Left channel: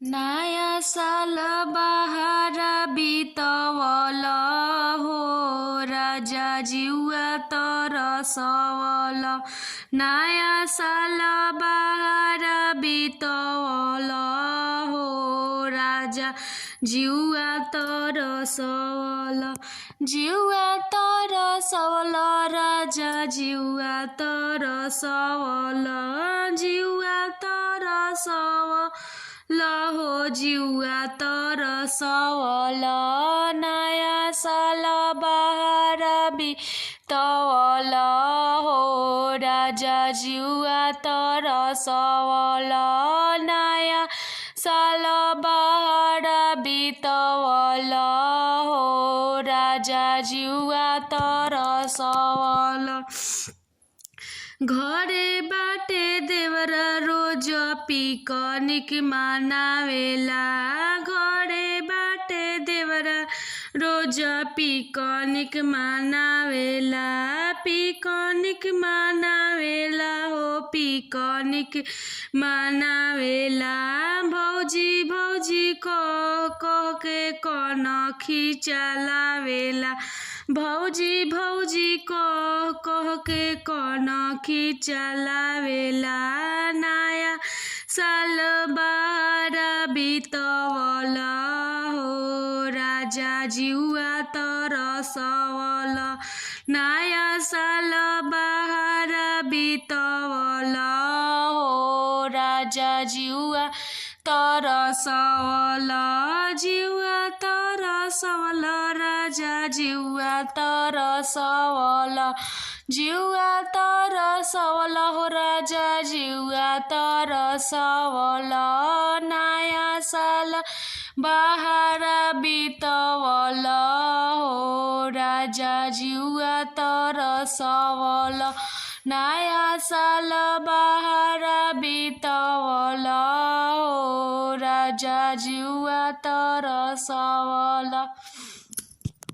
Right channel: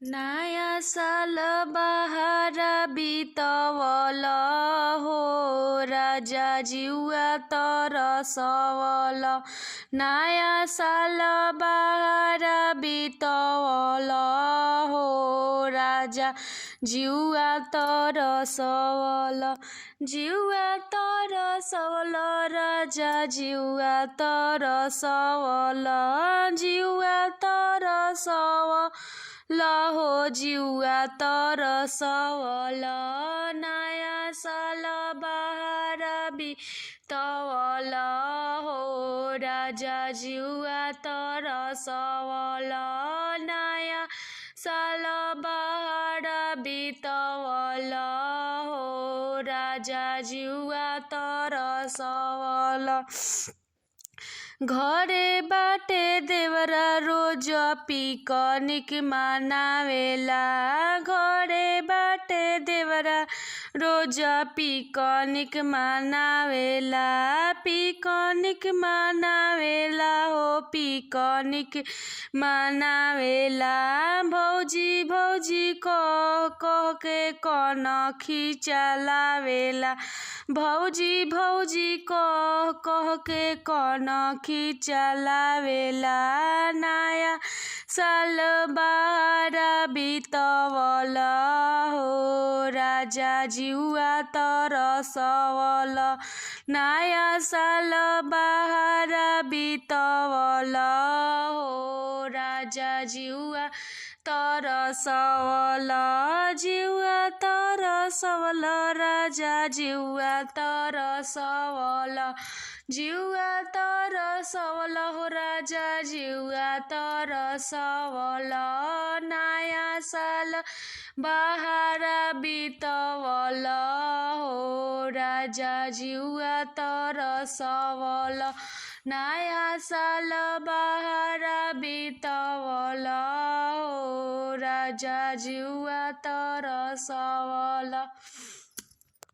नया साल बहार बितवल हो राजा जिउवा तरसवल। नया साल बहार बितवल हो राजा जिउवा तरसवल। जिउवा तरसवल राजा जिउवा तरसवल। जिउवा तरसवल हो जिउवा तरसवल। नया साल बहार बितवल हो राजा जिउवा तरसवल। नया साल बहार बितवल हो राजा जिउवा तरसवल। घरे बाटे देवरा रोज पिकनिक मनावेला। घरे बाटे देवरा रोज पिकनिक मनावेला। पिकनिक मनावेला हो पिकनिक मनावेला। भौजी भौजी कह कह के कनखी चलावेला। भौजी भौजी कह कह के कनखी चलावेला। नया साल बहार बितवल हो राजा जिउवा तरसवल। नया साल बहार बितवल हो राजा जिउवा तरसवल। जिउवा तरसवल राजा जिउवा तरसवल। जिउवा तरसवल हो राजा जिउवा तरसवल। नया साल बहार बितवल हो राजा जिउवा तरसवल। नया साल बहार बितवल हो राजा जिउवा तरसवल।